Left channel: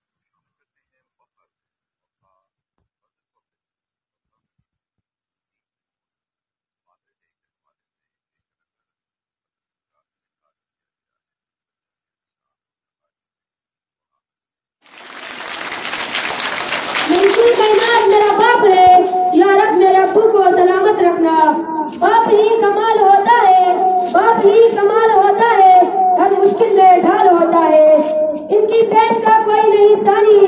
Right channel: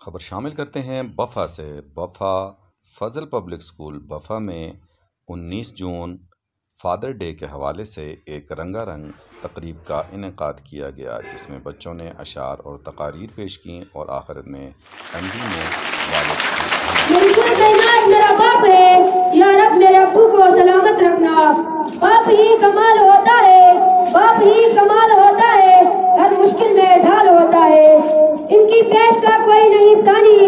खबर शामिल करते हैं बफ़ा से। बफ़ा फ़ज़ल पब्लिक स्कूल बफ़ा में 19 जून फ़ादर डे के हवाले से एक रंगारंग तकरीब का इनेकाद किया गया, जिसमें बच्चों ने अशार और तकारीर पेश की और आखिर में मेरा बाप है, या रब मेरे अब्बू को सलामत रखना। बाप ही कमाल होता है, बाप ही कमाल होता है, हर मुश्किल में ढाल होता है। इनकी पेश का कोई नहीं सानी,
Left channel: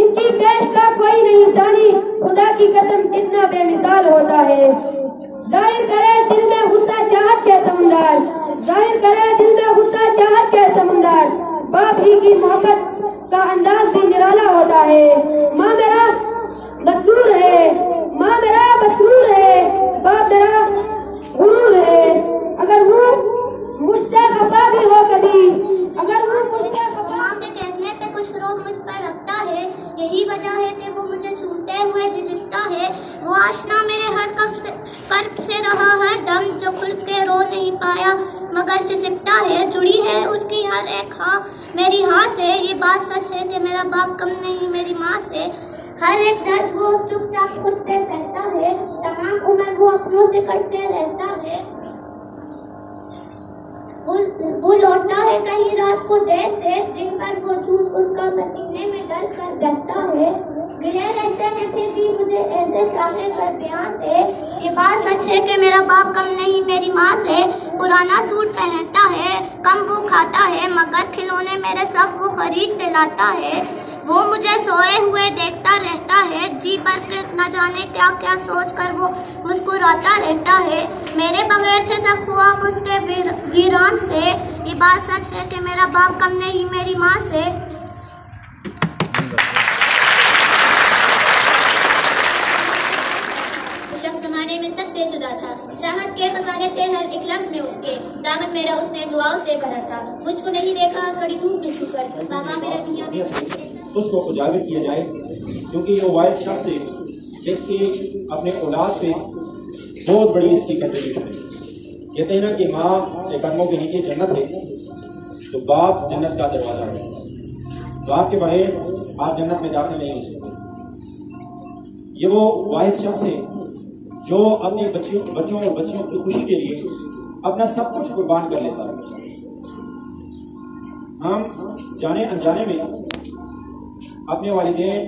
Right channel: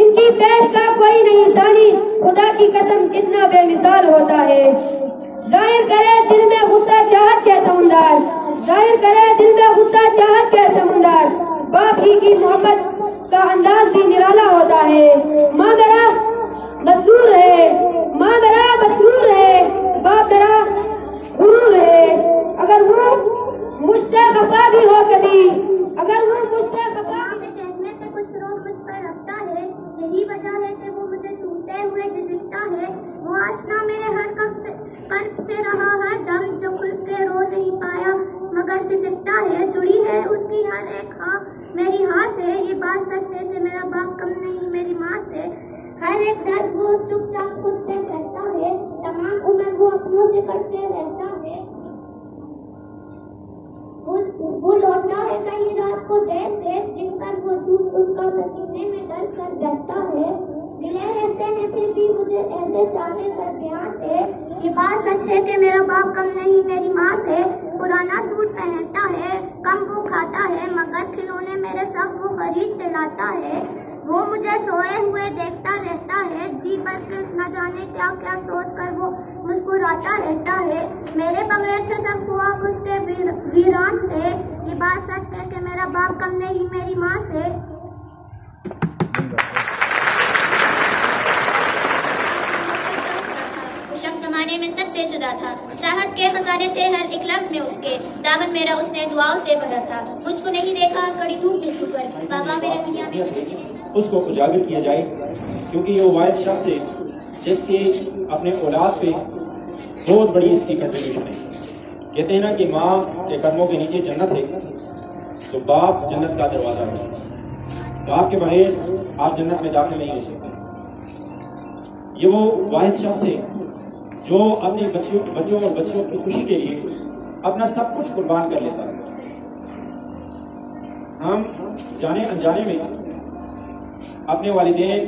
इनकी पेश का कोई नहीं सानी, खुदा की कसम कितना बेमिसाल होता है। जाहिर करे दिल में गुस्सा चाहत के समुंदर, जाहिर करे दिल में गुस्सा चाहत के समुंदर। बाप ही की मोहब्बत का अंदाज भी निराला होता है। माँ मेरा मसरूर है, माँ मेरा मसरूर है, बाप मेरा गुरूर है। अगर वो मुझसे खफा भी हो कभी, अगर वो मुझसे माँ के कहने पे कुछ रोग मुझ पर रखता है, यही वजह है कि वो मुझे चूमते हुए झिझकता है। वो आशना मेरे हर कर्ब से रहा हर दम, जो खुल के रो नहीं पाया मगर सिसकता है। जुड़ी है उसकी हर एक हाँ मेरी हाँ से, ये बात सच है कि मेरा बाप कम नहीं मेरी माँ से। हर एक दर्द वो चुपचाप खुद पे सहता है, तमाम उम्र वो अपनों से कटते रहता है। वो लौटता है कहीं रात को देर से, दिन भर वो झूठ उनका पसीने में डल कर बैठता है। गिले रहते हैं फिर भी मुझे ऐसे चाहे कर बयां से, ये बात सच है कि मेरा बाप कम नहीं मेरी माँ से। पुराना सूट पहनता है, कम वो खाता है, मगर खिलौने मेरे सब वो खरीद दिलाता है। वो मुझे सोए हुए देखता रहता है, जी भर के न जाने क्या क्या सोच कर वो मुस्कुराता रहता है। मेरे बगैर थे सब ख्वाब उसके वीरान से, ये बात सच है कि मेरा बाप कम नहीं मेरी माँ से। ज़माने में सबसे जुदा था, चाहत के खजाने थे हर एक लफ्ज़ में उसके, दामन मेरा उसने दुआओं से भरा था। मुझको नहीं देखा कड़ी धूप में छुकर, बाबा मेरे दुनिया में उसको उजागर किया जाए, क्योंकि ये वाहिद शख्स है जिसकी अपने औलाद पे बहुत बड़ी इसकी कंट्रीब्यूशन है। कहते हैं ना कि माँ के कदमों के नीचे जन्नत है, तो बाप जन्नत का दरवाजा है। बाप के बगैर आप जन्नत में दाखिल नहीं हो सकते। ये वो वाहिद शख्स है जो अपने बच्चों और बच्चों की खुशी के लिए अपना सब कुछ कुर्बान कर लेता है। हम जाने अनजाने में अपने वालिदैन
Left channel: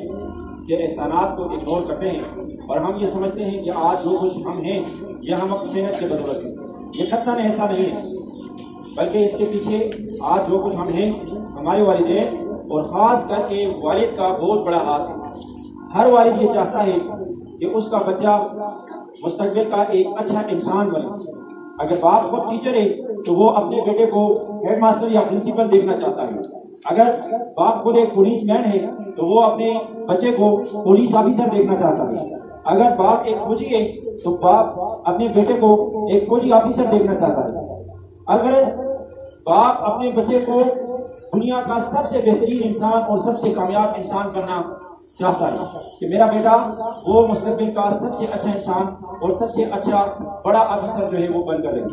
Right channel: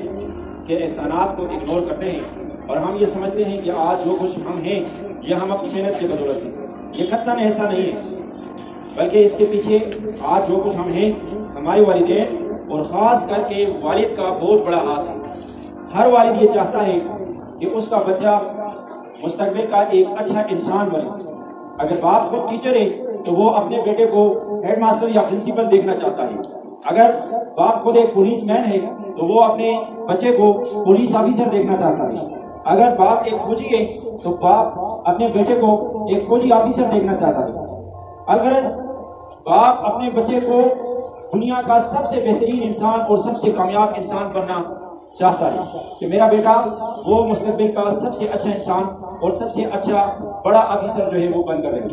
के एहसानात को इग्नोर करते हैं और हम ये समझते हैं कि आज जो कुछ हम हैं ये हम अपनी मेहनत की बदौलत है। ये कतई ऐसा नहीं है, बल्कि इसके पीछे आज जो कुछ हम हैं हमारे वालिदैन और खास करके वालिद का बहुत बड़ा हाथ है। हर वालिद ये चाहता है कि उसका बच्चा मुस्तकबिल का एक अच्छा इंसान बने। अगर बाप खुद टीचर है तो वो अपने बेटे को हेडमास्टर या प्रिंसिपल देखना चाहता है। अगर बाप खुद एक पुलिसमैन है तो वो अपने बच्चे को पुलिस ऑफिसर देखना चाहता है। अगर बाप एक फौजी है तो बाप अपने बेटे को एक फौजी ऑफिसर देखना चाहता है। अगर बाप अपने बच्चे को दुनिया का सबसे बेहतरीन इंसान और सबसे कामयाब इंसान बनना चाहता है कि मेरा बेटा वो मुस्तकबिल का सबसे अच्छा इंसान और सबसे अच्छा बड़ा ऑफिसर जो है वो बनकर रहे।